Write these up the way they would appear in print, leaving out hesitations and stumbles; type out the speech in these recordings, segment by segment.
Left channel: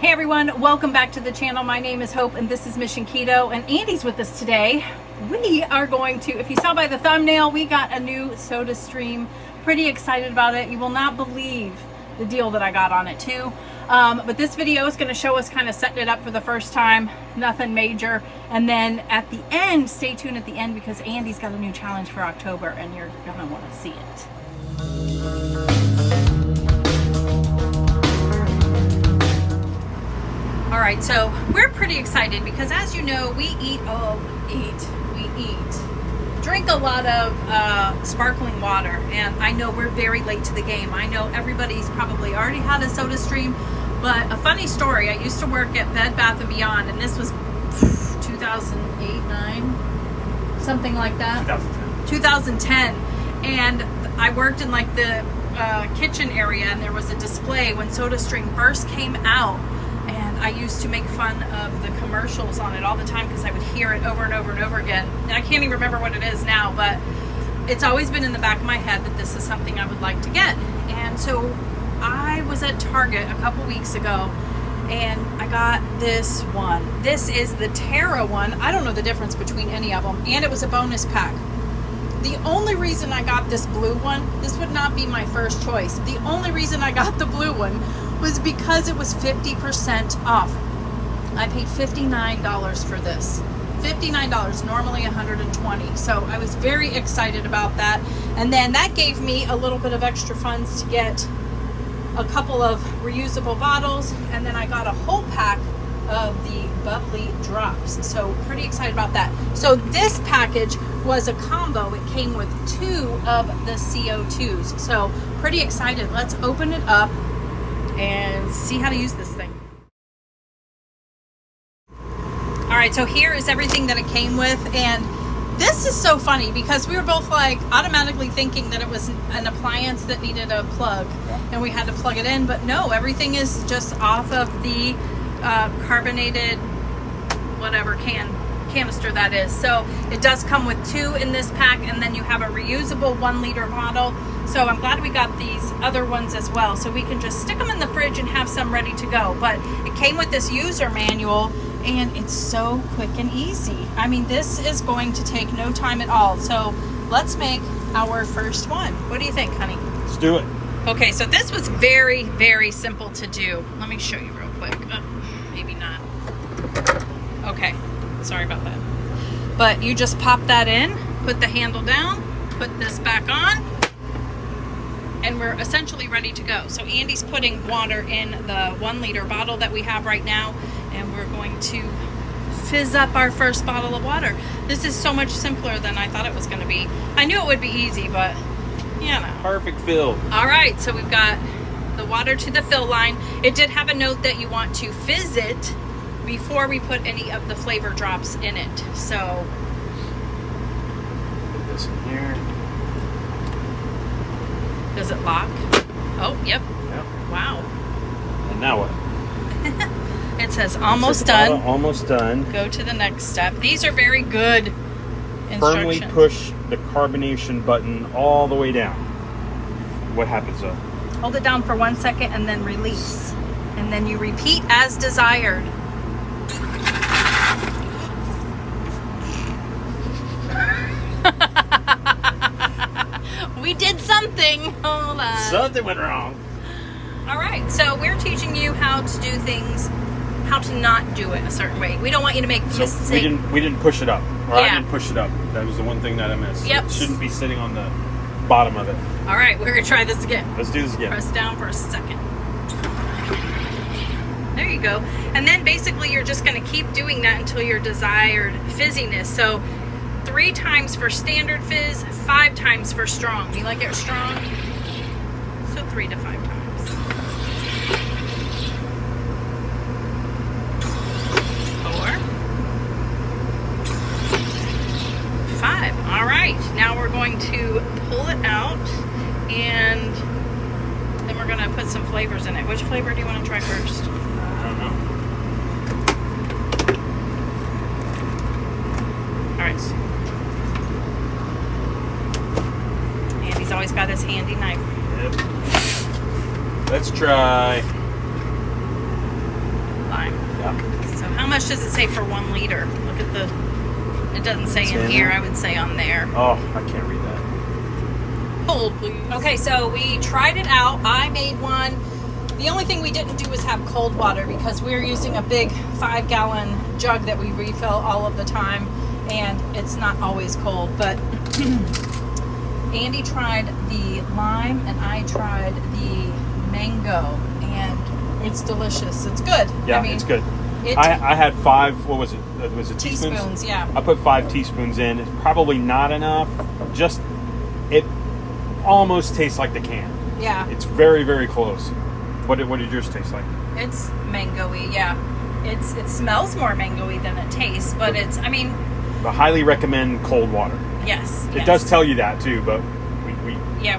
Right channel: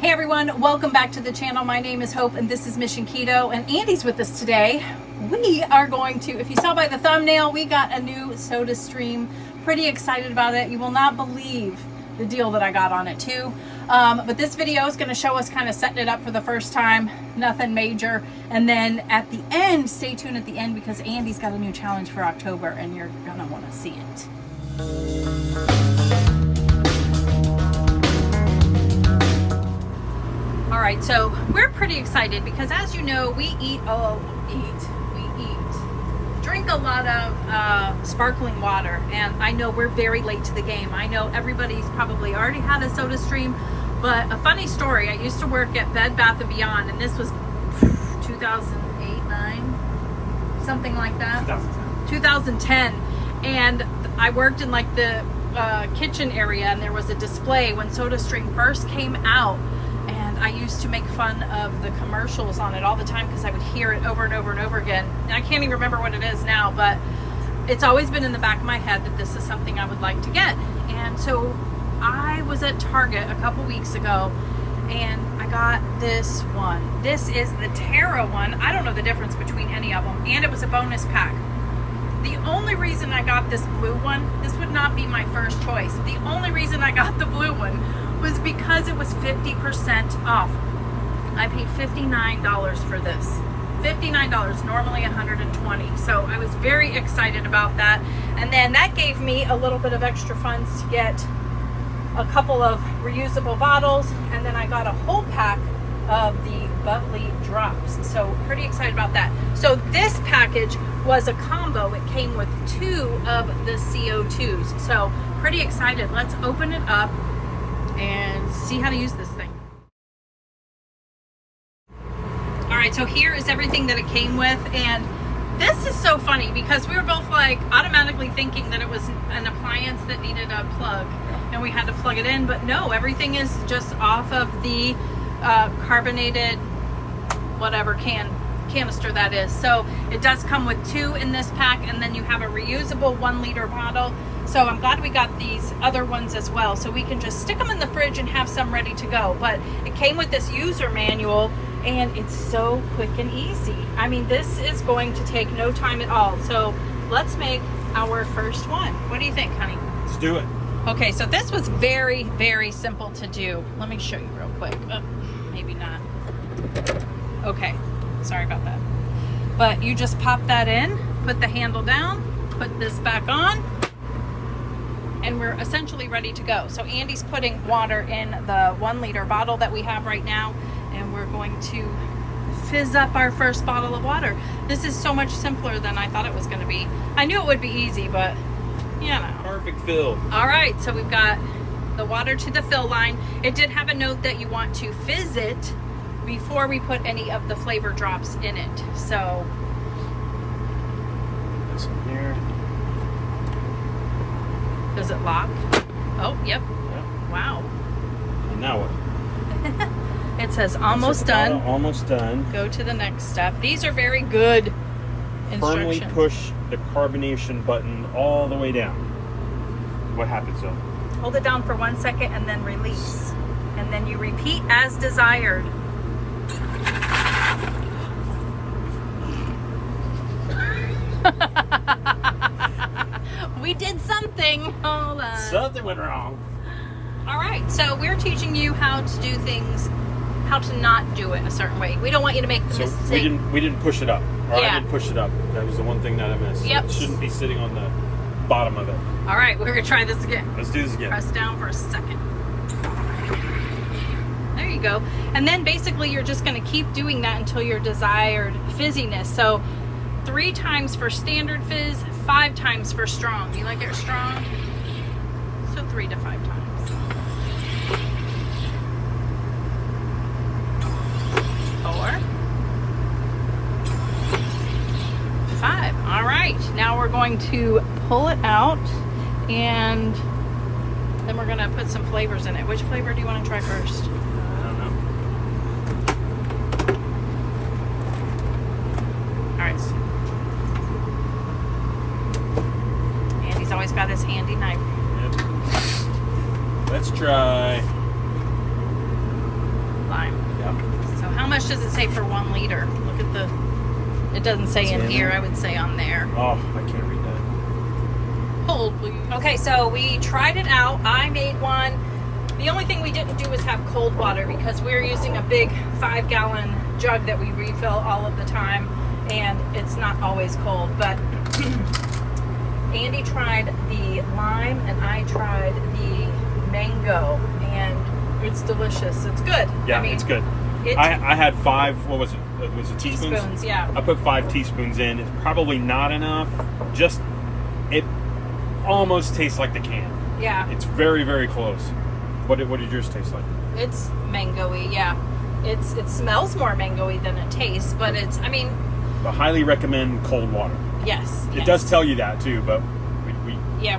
Hey everyone, welcome back to the channel. My name is Hope and this is Mission Keto, and Andy's with us today. We are going to, if you saw by the thumbnail, we got a new soda stream. Pretty excited about it. You will not believe the deal that I got on it too. But this video is going to show us kind of setting it up for the first time, nothing major. And then at the end, stay tuned at the end because Andy's got a new challenge for October and you're going to want to see it. All right, so we're pretty excited because as you know, we drink a lot of sparkling water, and I know we're very late to the game. I know everybody's probably already had a soda stream, but a funny story, I used to work at Bed Bath & Beyond, and this was 2008, 9, something like that. 2010, and I worked in like the kitchen area, and there was a display when SodaStream first came out. I used to make fun of the commercials on it all the time because I would hear it over and over and over again. And I can't even remember what it is now, but it's always been in the back of my head that this is something I would like to get. And so I was at Target a couple weeks ago and I got this one. This is the Terra one. I don't know the difference between any of them. And it was a bonus pack. The only reason I got this blue one, this would not be my first choice. The only reason I got the blue one was because it was 50% off. I paid $59 for this. $59, normally $120. So I was very excited about that. And then that gave me a little bit of extra funds to get a couple of reusable bottles. And then I got a whole pack of the bubbly drops. So pretty excited about that. So this package was a combo. It came with 2 of the CO2s. So pretty excited. Let's open it up and see how to use this thing. All right, so here is everything that it came with, and this is so funny because we were both like automatically thinking that it was an appliance that needed a plug and we had to plug it in, but no, everything is just off of the carbonated whatever canister that is. So it does come with 2 in this pack, and then you have a reusable 1-liter bottle. So I'm glad we got these other ones as well, so we can just stick them in the fridge and have some ready to go. But it came with this user manual, and it's so quick and easy. I mean, this is going to take no time at all. So let's make our first one. What do you think, honey? Let's do it. Okay, so this was very, very simple to do. Let me show you real quick. Maybe not. Okay, sorry about that. But you just pop that in, put the handle down, put this back on, and we're essentially ready to go. So Andy's putting water in the 1-liter bottle that we have right now, and we're going to fizz up our first bottle of water. This is so much simpler than I thought it was going to be. I knew it would be easy, but you know. Perfect fill. All right, so we've got the water to the fill line. It did have a note that you want to fizz it before we put any of the flavor drops in it. So put this in here. Does it lock? Oh, yep. Yep. Wow. And now what? It says almost done. Almost done. Go to the next step. These are very good instructions. Firmly push the carbonation button all the way down. What happens though? Hold it down for 1 second and then release. And then you repeat as desired. We did something. Hold on. Something went wrong. All right, so we're teaching you how to do things, how to not do it a certain way. We don't want you to make the mistake. We didn't push it up. Or Yeah. I didn't push it up. That was the one thing that I missed. Yep. It shouldn't be sitting on the bottom of it. All right, we're gonna try this again. Let's do this again. Press down for a second. There you go. And then basically you're just gonna keep doing that until your desired fizziness. So 3 times for standard fizz, 5 times for strong. You like it strong? So 3 to 5 times. 4, 5. All right. Now we're going to pull it out, and then we're going to put some flavors in it. Which flavor do you want to try first? I don't know. All right. Andy's always got his handy knife. Yep. Let's try much does it say for 1 liter? Look at the, it doesn't say in here. I would say on there. Oh, I can't read that. Hold, please. Okay, so we tried it out. I made one. The only thing we didn't do was have cold water because we're using a big 5-gallon jug that we refill all of the time, and it's not always cold. But Andy tried the lime and I tried the mango, and it's delicious. It's good. Yeah, I mean, it's good. I had 5, what was it? Was it teaspoons? Yeah. I put 5 teaspoons in. Probably not enough. Just, it almost tastes like the can. Yeah. It's very, very close. What did yours taste like? It's mango-y, yeah. It smells more mango-y than it tastes, but it's, I mean... I highly recommend cold water. Yes. It does tell you that too, but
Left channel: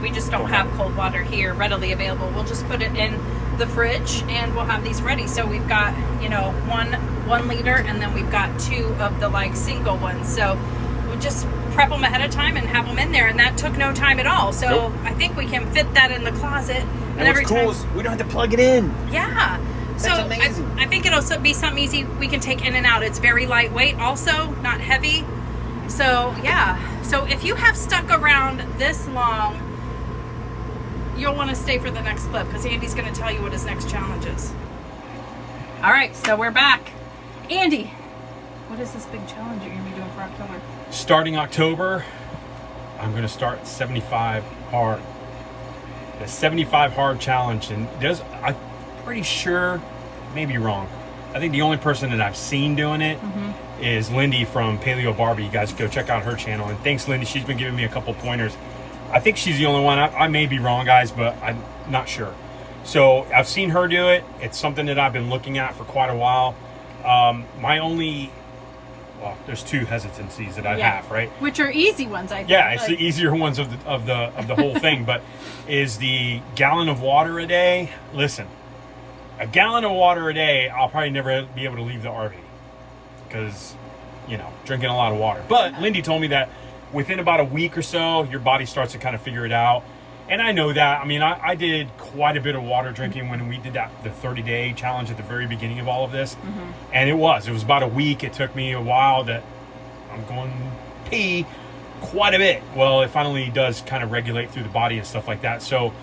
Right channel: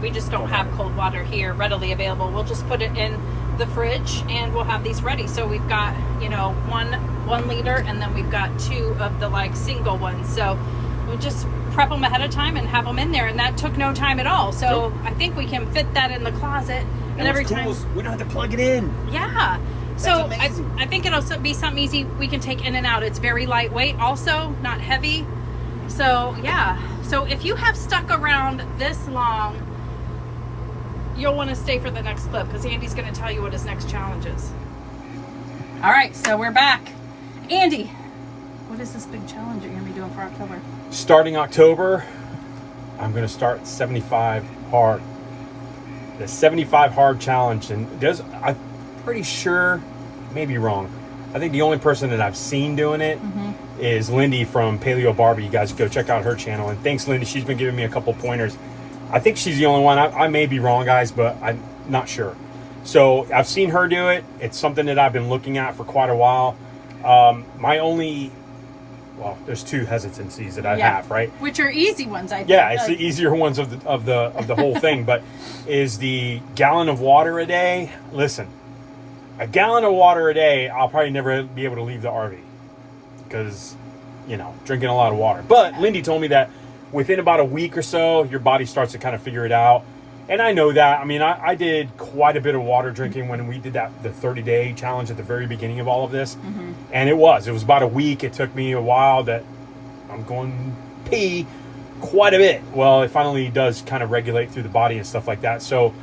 we just don't have cold water here readily available. We'll just put it in the fridge and we'll have these ready. So we've got, you know, one liter, and then we've got 2 of the like single ones. So we just prep them ahead of time and have them in there, and that took no time at all. So I think we can fit that in the closet. And every what's time cool is we don't have to plug it in. Yeah. So I think it'll be something easy we can take in and out. It's very lightweight, also not heavy. So yeah. So if you have stuck around this long, you'll want to stay for the next clip because Andy's going to tell you what his next challenge is. All right, so we're back. Andy, what is this big challenge you're going to be doing for October? Starting October, I'm going to start 75 hard. The 75 hard challenge, and I'm pretty sure, maybe wrong, I think the only person that I've seen doing it is Lindy from Paleo Barbie. You guys go check out her channel, and thanks, Lindy. She's been giving me a couple pointers. I think she's the only one. I may be wrong, guys, but I'm not sure. So I've seen her do it. It's something that I've been looking at for quite a while. There's 2 hesitancies that I have, right? Which are easy ones, I think. Yeah, it's the easier ones of the whole thing. But is the gallon of water a day? Listen, a gallon of water a day, I'll probably never be able to leave the RV because, you know, drinking a lot of water. But Lindy told me that within about a week or so, your body starts to kind of figure it out. And I know that. I mean, I did quite a bit of water drinking when we did the 30-day challenge at the very beginning of all of this. And it was about a week. It took me a while that I'm going to pee quite a bit. Well, it finally does kind of regulate through the body and stuff like that. So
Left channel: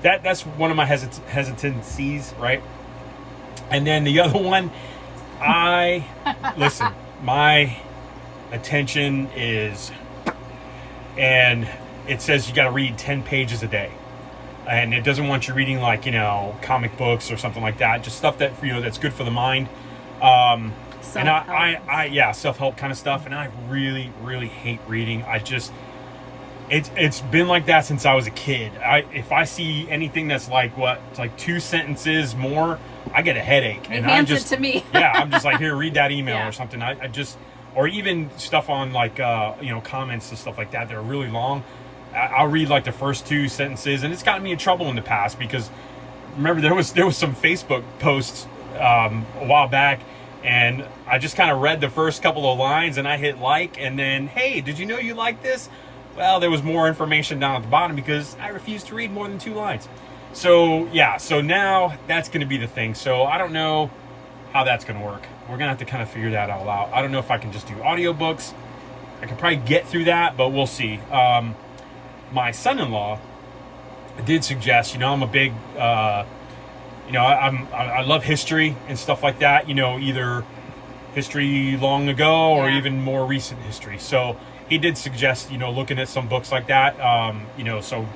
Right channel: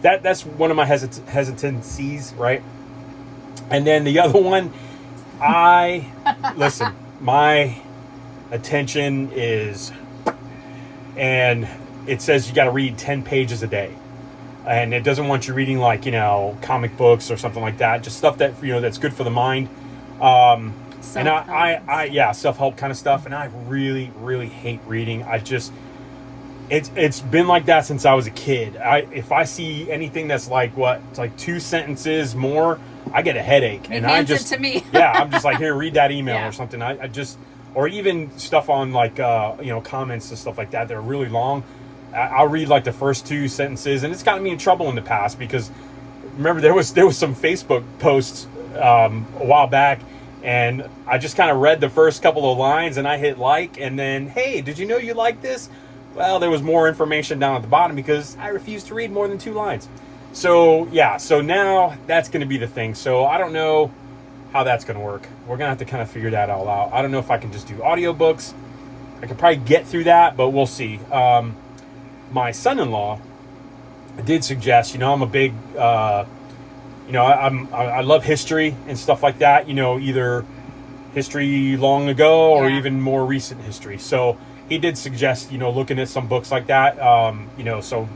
that's one of my hesitancies, right? And then the other one, listen, my attention is, and it says you got to read 10 pages a day, and it doesn't want you reading like, you know, comic books or something like that, just stuff that, you know, that's good for the mind. And self-help kind of stuff. And I really, really hate reading. It's been like that since I was a kid. If I see anything that's like it's like 2 sentences more, I get a headache. He hands it to me. Yeah, I'm just like, here, read that email or something. Or even stuff on like, you know, comments and stuff like that. They're really long. I'll read like the first 2 sentences, and it's gotten me in trouble in the past because remember there was some Facebook posts a while back, and I just kind of read the first couple of lines and I hit like, and then, hey, did you know you like this? Well, there was more information down at the bottom because I refused to read more than 2 lines. So yeah, so now that's going to be the thing. So I don't know how that's going to work. We're going to have to kind of figure that all out. I don't know if I can just do audiobooks. I could probably get through that, but we'll see. My son-in-law did suggest, you know, I'm a big, you know, I love history and stuff like that, you know, either history long ago or even more recent history. So he did suggest, you know, looking at some books like that, you know, so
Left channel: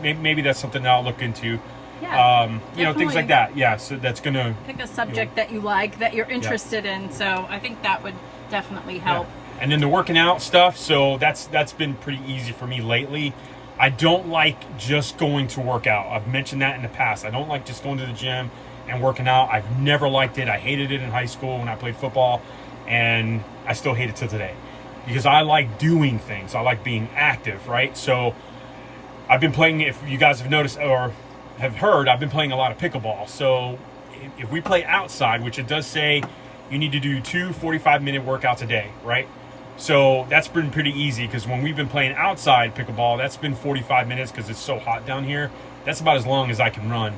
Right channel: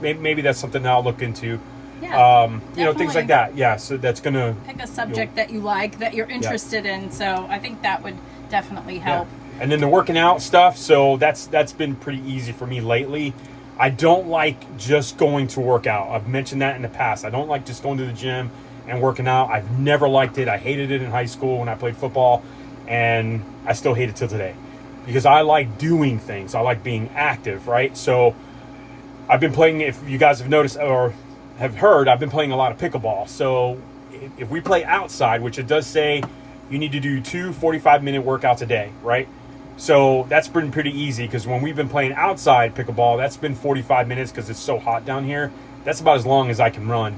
maybe that's something that I'll look into. Yeah, you know, things like that. Yeah, so that's going to... Pick a subject that you like, that you're interested in. So I think that would definitely help. Yeah. And then the working out stuff, so that's been pretty easy for me lately. I don't like just going to work out. I've mentioned that in the past. I don't like just going to the gym and working out. I've never liked it. I hated it in high school when I played football, and I still hate it till today because I like doing things. I like being active, right? So I've been playing, if you guys have noticed or have heard, I've been playing a lot of pickleball. So if we play outside, which it does say you need to do 2 45-minute workouts a day, right? So that's been pretty easy because when we've been playing outside pickleball, that's been 45 minutes because it's so hot down here. That's about as long as I can run.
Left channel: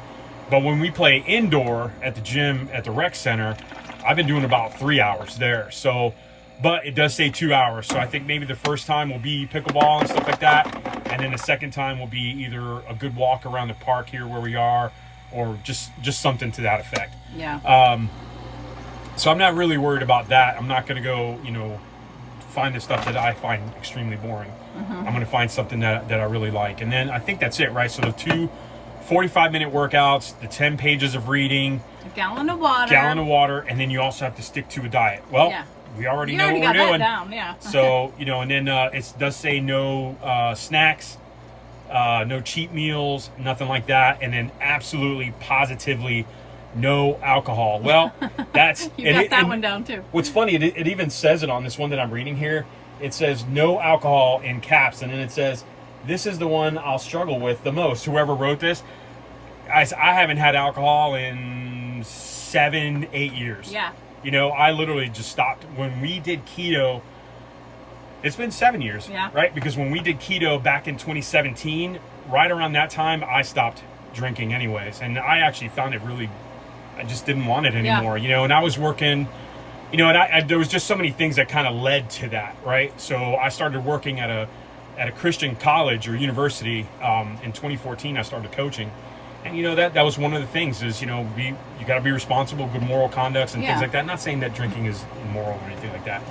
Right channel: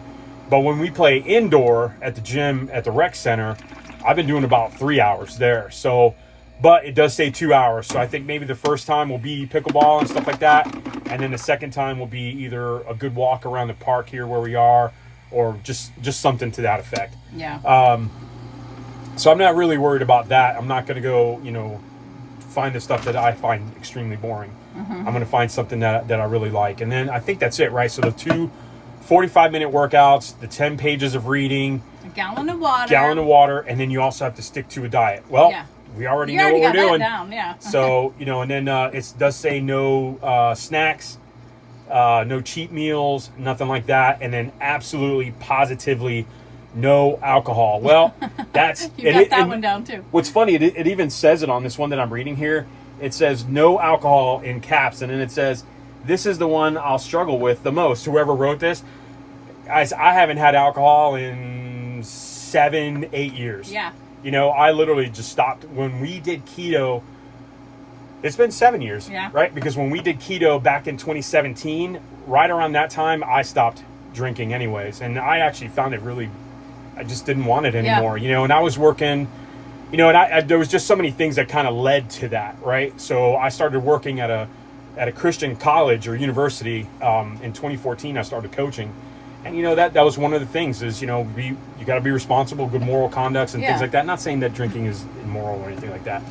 But when we play indoor at the gym at the rec center, I've been doing about 3 hours there. So, but it does say 2 hours. So I think maybe the first time will be pickleball and stuff like that. And then the second time will be either a good walk around the park here where we are, or just something to that effect. Yeah. So I'm not really worried about that. I'm not going to go, find the stuff that I find extremely boring. I'm going to find something that I really like. And then I think that's it, right? So the 2 45-minute workouts, the 10 pages of reading, a gallon of water, and then you also have to stick to a diet. Well, we already know what we're doing. Down, yeah. So, and then it does say no snacks, no cheat meals, nothing like that. And then absolutely, positively, no alcohol. Well, that's... You got that one down, too. What's funny, it even says it on this one that I'm reading here. It says no alcohol in caps, and then it says, this is the one I'll struggle with the most. Whoever wrote this, guys, I haven't had alcohol in 7-8 years. Yeah. I literally just stopped. When we did keto, it's been 7 years, right? Because when we did keto back in 2017, right around that time, I stopped drinking anyways. And I actually found it really, I just didn't want it anymore, and I was working, and there was just so many things that kind of led to that, right? So I started working at a Christian college or university. In 2014, I started coaching. And, that was one of the things is, you got to be responsible, good moral conducts and things like that. Not saying that drinking is immoral or anything like that.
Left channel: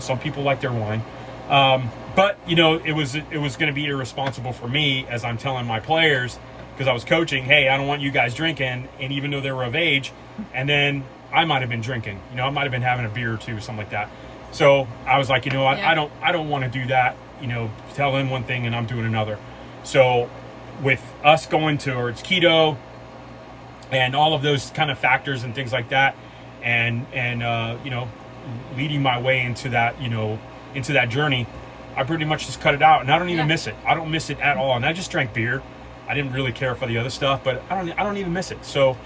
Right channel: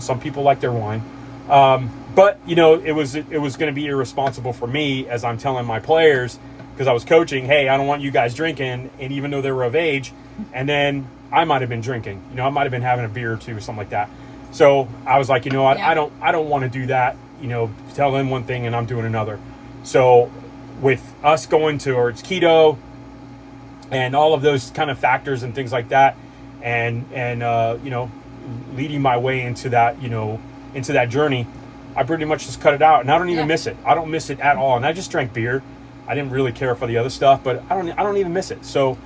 Some people like their wine. But, it was going to be irresponsible for me as I'm telling my players, because I was coaching, hey, I don't want you guys drinking. And even though they were of age, and then I might have been drinking, I might have been having a beer or two or something like that. So I was like, I don't want to do that, tell them one thing and I'm doing another. So with us going towards keto and all of those kind of factors and things like that, and leading my way into that, into that journey, I pretty much just cut it out, and I don't even miss it. I don't miss it at all. And I just drank beer. I didn't really care for the other stuff, but I don't even miss it. So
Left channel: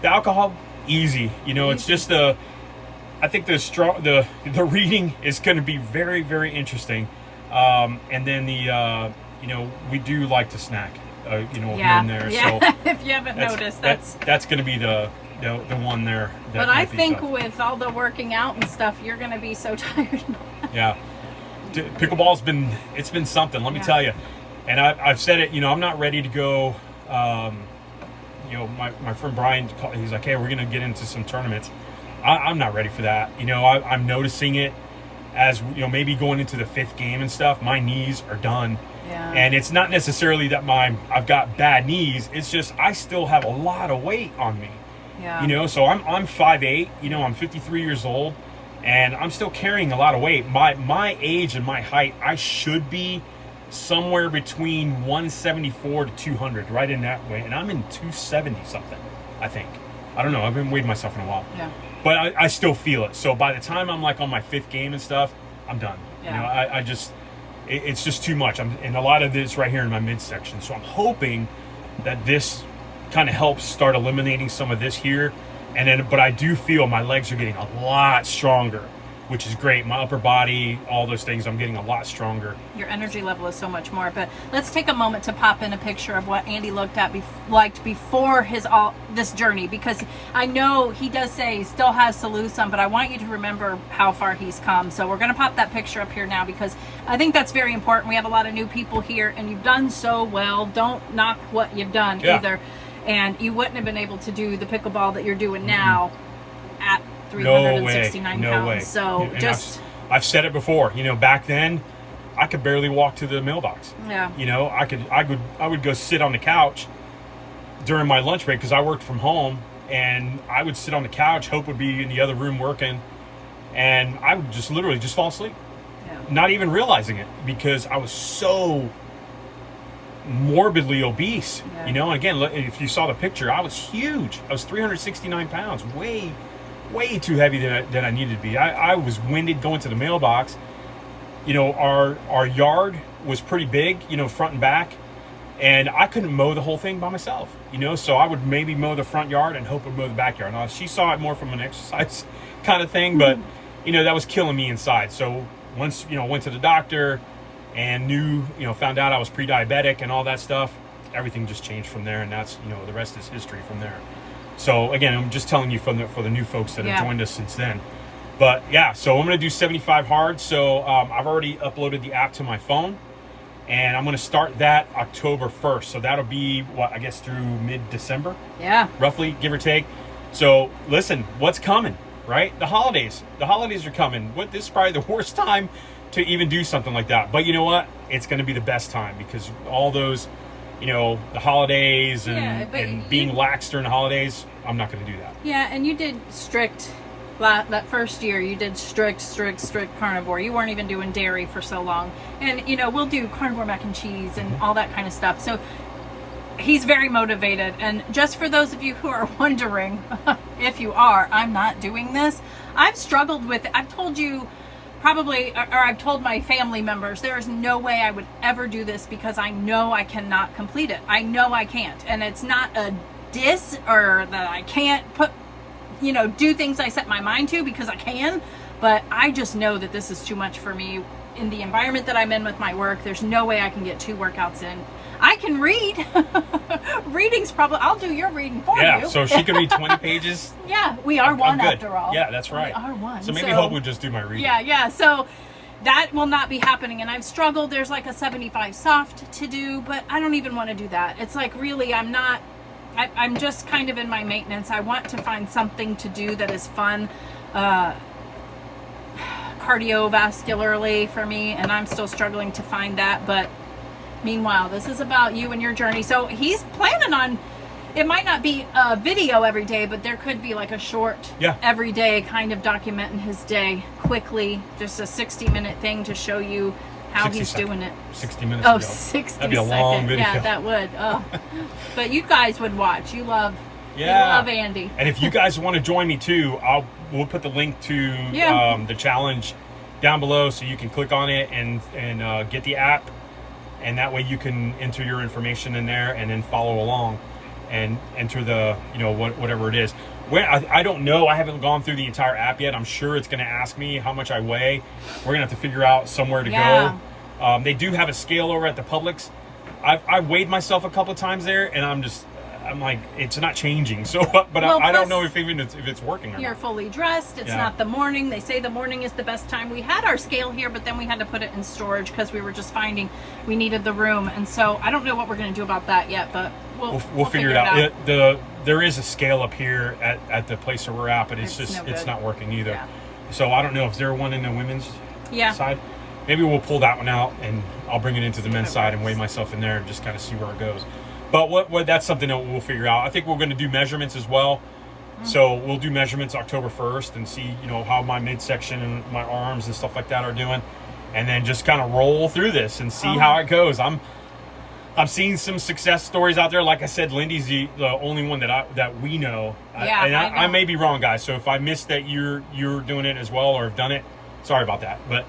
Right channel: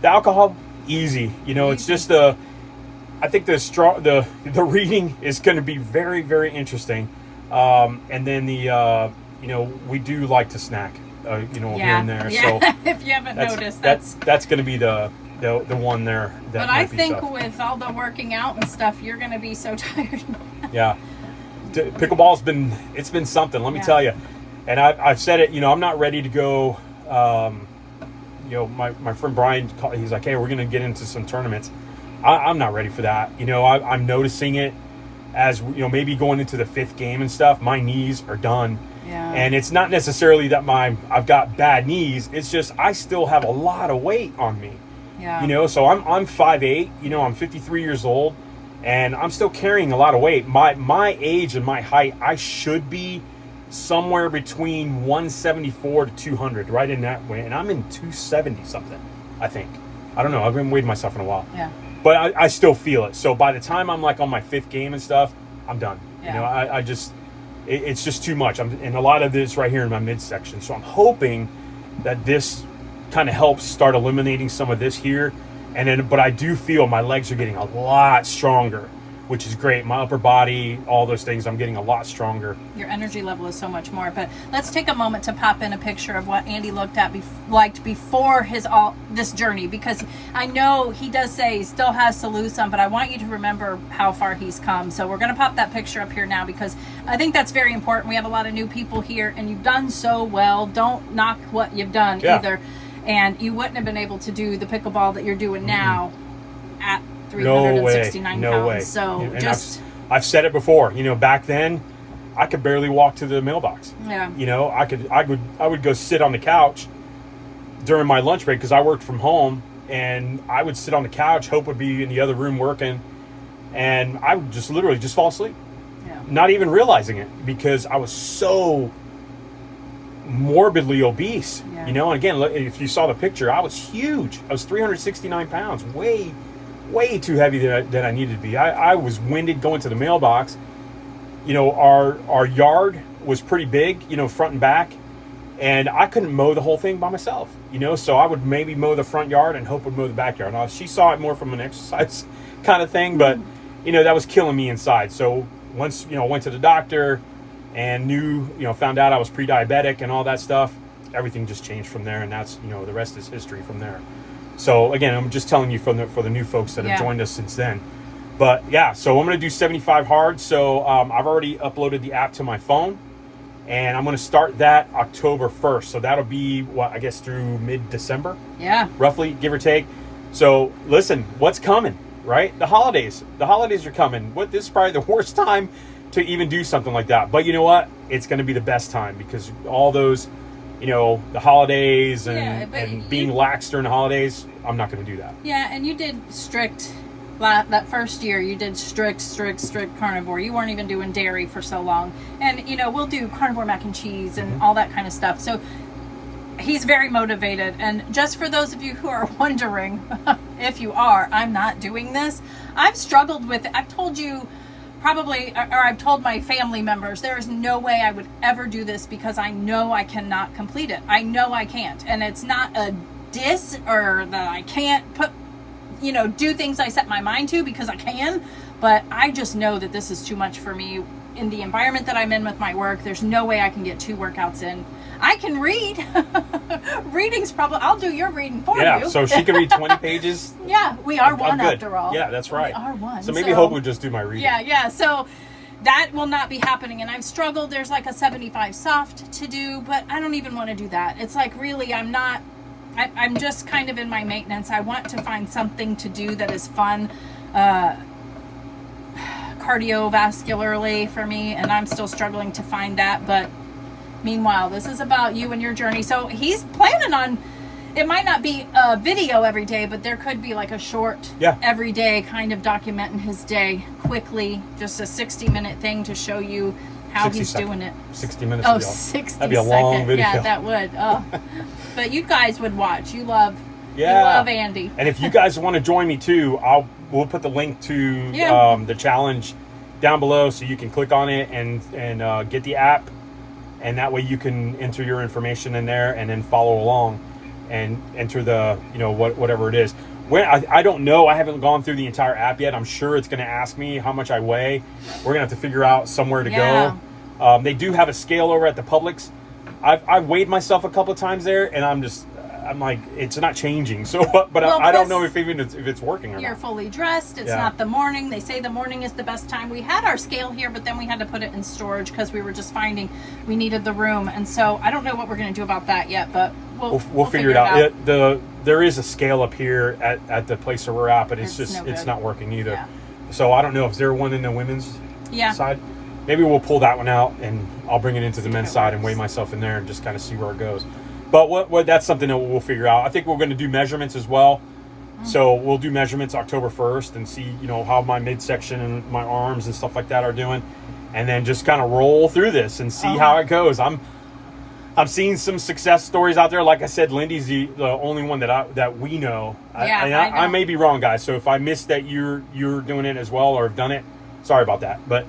the alcohol, easy. It's just I think the reading is going to be very, very interesting. And then we do like to snack, here and there. Yeah. So if you haven't noticed, that's going to be the one there. But I think with all the working out and stuff, you're going to be so tired. Yeah. Pickleball's been something, let me tell you. And I've said it, I'm not ready to go. My friend Brian, he's like, hey, we're going to get into some tournaments. I'm not ready for that. I'm noticing it as, maybe going into the 5th game and stuff. My knees are done. Yeah. And it's not necessarily that I've got bad knees. It's just I still have a lot of weight on me. Yeah. So I'm 5'8", I'm 53 years old, and I'm still carrying a lot of weight. My age and my height, I should be somewhere between 174 to 200, right in that way. And I'm in 270 something, I think. I don't know. I haven't weighed myself in a while. Yeah. But I still feel it. So by the time I'm like on my 5th game and stuff, I'm done. Yeah. It's just too much. And a lot of this right here in my midsection. So I'm hoping that this kind of helps start eliminating some of this here. But I do feel my legs are getting a lot stronger, which is great. My upper body, all those things, I'm getting a lot stronger. Your energy level is so much more. But let's take a moment to pop in a picture of what Andy liked before this journey, because I know he does say he still has to lose some, but I want you to remember how far he's come. So we're going to pop that picture up here now, because I think that's very important. We have a lot of new people here, and you've done so well. Don't knock what you've done either. And you wouldn't have been able to do the pickleball that you're doing now at 369 pounds. Way. So and I've said it before, back then I could barely walk to the mailbox. Yeah. I would go sit on the couch during my lunch break, because I worked from home, and I would sit on the couch, Hope would be in the other room working, and I would just literally just fall asleep. Yeah. Not even realizing it, because I was so morbidly obese. And again, if you saw the picture, I was huge. I was 369 pounds, way too heavy than I needed to be. I was winded going to the mailbox. Our yard was pretty big, front and back, and I couldn't mow the whole thing by myself, so I would maybe mow the front yard and Hope would mow the backyard. Now, she saw it more from an exercise kind of thing, but that was killing me inside. So once, went to the doctor and found out I was pre-diabetic and all that stuff, everything just changed from there, and that's, you know, the rest is history from there. So again, I'm just telling you for the new folks that have joined us since then. But yeah, so I'm going to do 75 hard. So I've already uploaded the app to my phone, and I'm going to start that October 1st. So that'll be, what, I guess through mid-December? Yeah. Roughly, give or take. So listen, what's coming, right? The holidays. The holidays are coming. This is probably the worst time to even do something like that. But you know what? It's going to be the best time, because all those, you know, the holidays and being lax during the holidays, I'm not going to do that. Yeah, and you did strict, that first year, you did strict carnivore. You weren't even doing dairy for so long. And, you know, we'll do carnivore mac and cheese and all that kind of stuff. So he's very motivated. And just for those of you who are wondering, if you are, I'm not doing this. I've struggled with it. I've told you probably, or I've told my family members, there is no way I would ever do this, because I know I cannot complete it. I know I can't. And it's not a diss or that I can't do things I set my mind to, because I can, but I just know that this is too much for me in the environment that I'm in with my work. There's no way I can get 2 workouts in. I can read. Reading's probably, I'll do your reading for you. Yeah, so she can read 20 pages. Yeah, we are one after all. Yeah, that's right. We are one. So maybe Hope would just do my reading. Yeah. So that will not be happening. And I've struggled. There's like a 75 soft to do, but I don't even want to do that. It's like, really, I'm just kind of in my maintenance. I want to find something to do that is fun, cardiovascularly for me, and I'm still struggling to find that. But meanwhile, this is about you and your journey. So he's planning on, it might not be a video every day, but there could be like a short every day, kind of documenting his day quickly, just a 60-minute thing to show you how he's doing it. 60 minutes. Oh, 60 That'd be a long video. Yeah, that would. Oh. But you guys would watch. You love Andy. And if you guys want to join me too, we'll put the link to the challenge down below, so you can click on it and get the app, and that way you can enter your information in there and then follow along and enter the, you know, whatever it is. I don't know. I haven't gone through the entire app yet. I'm sure it's going to ask me how much I weigh. We're going to have to figure out somewhere to go. They do have a scale over at the Publix. I've weighed myself a couple of times there, and I'm like, it's not changing. So, but I don't know if it's working or not. You're fully dressed. It's not the morning. They say the morning is the best time. We had our scale here, but then we had to put it in storage because we were just finding we needed the room. And so I don't know what we're going to do about that yet, but we'll figure it out. There is a scale up here at the place where we're at, but it's not working either. Yeah. So I don't know if there one in the women's side. Maybe we'll pull that one out, and I'll bring it into the men's side and weigh myself in there and just kind of see where it goes. But that's something that we'll figure out. I think we're going to do measurements as well. So we'll do measurements October 1st and see, you know, how my midsection and my arms and stuff like that are doing, and then just kind of roll through this and see how it goes. I'm seeing some success stories out there. Like I said, Lindy's the only one that we know. Yeah, I may be wrong, guys. So if I missed that you're doing it as well or have done it, sorry about that. But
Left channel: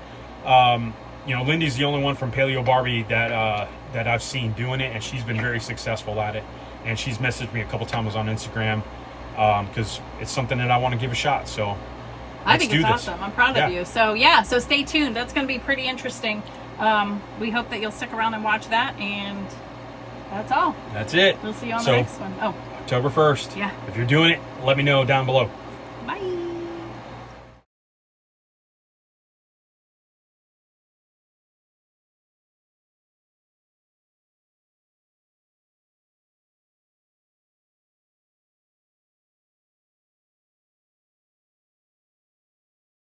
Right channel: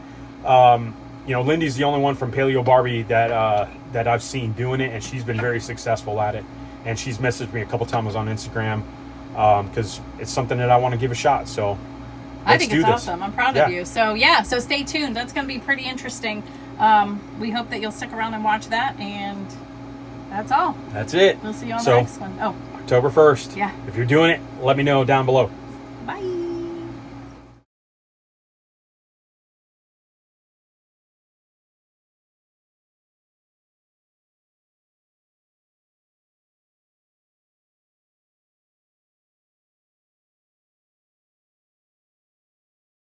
you know, Lindy's the only one from Paleo Barbie that I've seen doing it, and she's been very successful at it. And she's messaged me a couple times on Instagram because it's something that I want to give a shot. So I think it's awesome. I'm proud of you. So so stay tuned. That's going to be pretty interesting. We hope that you'll stick around and watch that, and that's all. That's it. We'll see you on the next one. October 1st. Yeah. If you're doing it, let me know down below. Bye.